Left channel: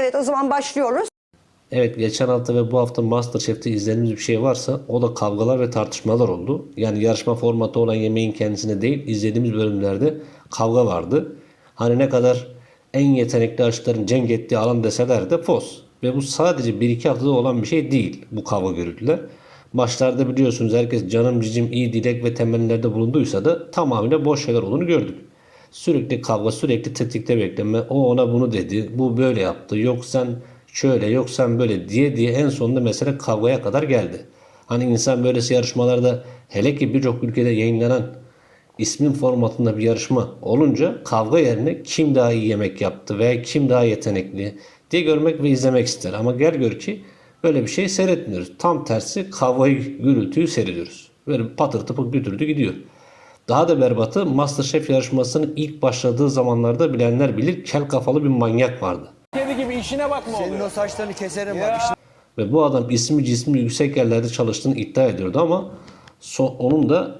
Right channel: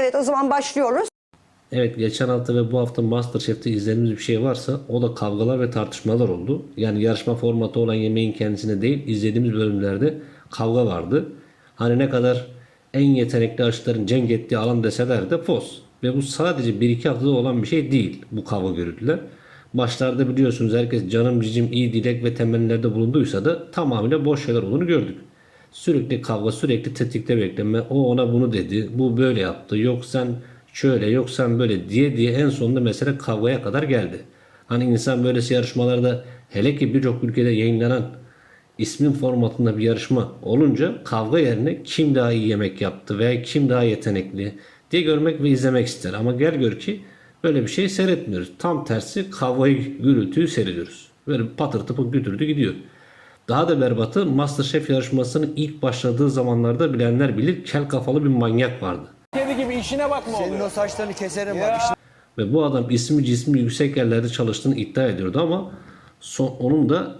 Evet o zaman başlıyoruz. Evet geçen hafta ve bu hafta Masterchef'te izlediğimiz bir şey varsa o da kavgalar ve tartışmalar oldu. Yani yarışma formatı olan yemeğin kendisine değil izlediğimiz bölümlerde kavga vardı. Hani ne kadar en yetenekli aşçıların cenk ettiği alan deseler de fos. Ve bu sadece 1-2 haftada olan bir şey değil bu kavga gürültüler. Başlarda biliyorsunuz herkes canım cicim iyi dilek ve temellerde bulunduysa da tamamıyla boş şeyler olduğunu gördük. Sürekli kavga, sürekli tetikte bekleme. O ona bunu dedi, bu böyle yaptı. Yok sen şöyle, yok sen böyle diye diye en sonunda mesele kavgaya kadar geldi. Hani insan böylesi yarışmalarda hele ki birçok ülkede yayınlanan ismin formatında bir yarışma olunca kavga yerine kim daha iyi yemek yaptı veya kim daha yetenekli diye görmek ve izlemek ister. Ama gel gör ki böyle bir şey seyretmiyoruz. Tam tersi kavgayı, gürültüyü seyrediyoruz. Böyle patır tıpır götürdü gidiyor. Daha da berbatı Masterchef yarışmasının ilk başladığı zamanlarda bilenler bilir kel kafalı bir manyak vardı. Kedi gibi işine bakma Senin oluyor. o saçlarını keserim Ya. bak. işte. Ve bu adam ismi cismi yüksek yerlerde çalıştığını iddia ediyordu ama so- onun da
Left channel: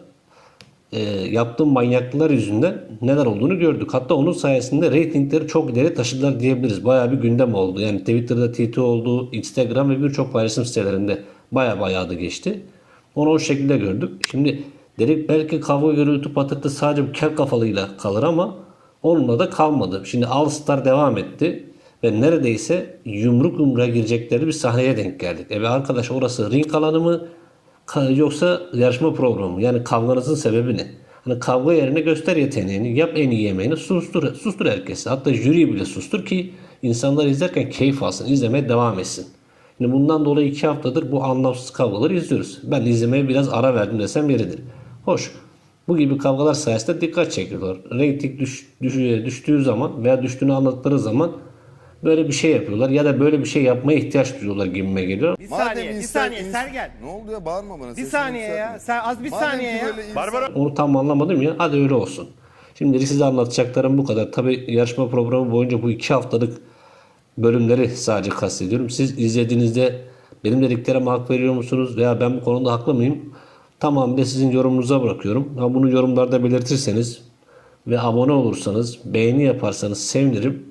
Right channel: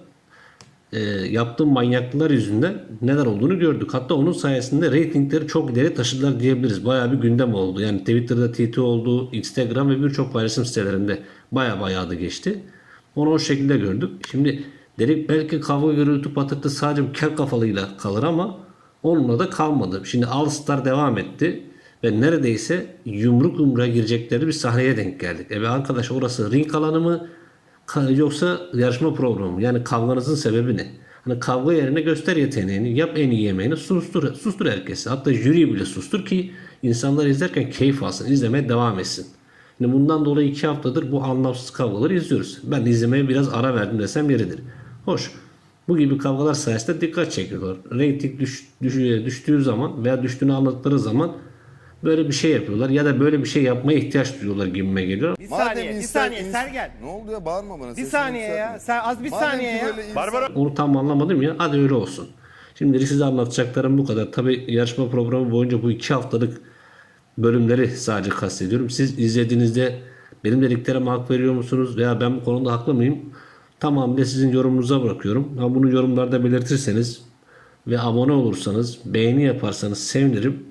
e, yaptığı manyaklıklar yüzünden neler olduğunu gördük. Hatta onun sayesinde reytingleri çok ileri taşıdılar diyebiliriz. Bayağı bir gündem oldu. Yani Twitter'da TT oldu, Instagram ve birçok paylaşım sitelerinde baya bayağı adı geçti. Onu o şekilde gördük. Şimdi dedik belki kavga gürültü patırtı sadece kel kafalıyla kalır ama onunla da kalmadı. Şimdi All Star devam etti ve neredeyse yumruk yumruğa girecekleri bir sahneye denk geldik. E arkadaş orası ring alanı mı yoksa yarışma programı mı? Yani kavganızın sebebi ne? Hani kavga yerine göster yeteneğini, yap en iyi yemeğini, sustur, sustur herkesi. Hatta jüriyi bile sustur ki insanlar izlerken keyif alsın, izlemeye devam etsin. Şimdi bundan dolayı iki haftadır bu anlamsız kavgaları izliyoruz. Ben izlemeye biraz ara verdim desem yeridir. Hoş. Bu gibi kavgalar sayesinde dikkat çekiyorlar. Reyting düş, düş- düştüğü zaman veya düştüğünü anlattıkları zaman böyle bir şey yapıyorlar ya da böyle bir şey yapmaya ihtiyaç duyuyorlar gibime geliyor. Bir Madem saniye, bir insan- saniye sen gel. Ne oldu ya bağırma bana. Bir sesini saniye ya. yükseltme. Sen az bir Madem saniye ki ya. böyle insan- Onu tam anlamadım ya. Hadi öyle olsun. Şimdi size anlatacaklarım bu kadar. Tabi yarışma programı boyunca bu iki haftalık bölümleri sadece kastediyorum. Siz izlediğinizde benim dediklerime hak veriyor musunuz veya ben bu konuda haklı mıyım? Tamamıyla sizin yorumunuza bırakıyorum. Ha bunu yorumlarda belirtirseniz ve abone olursanız, beğeni yaparsanız sevinirim.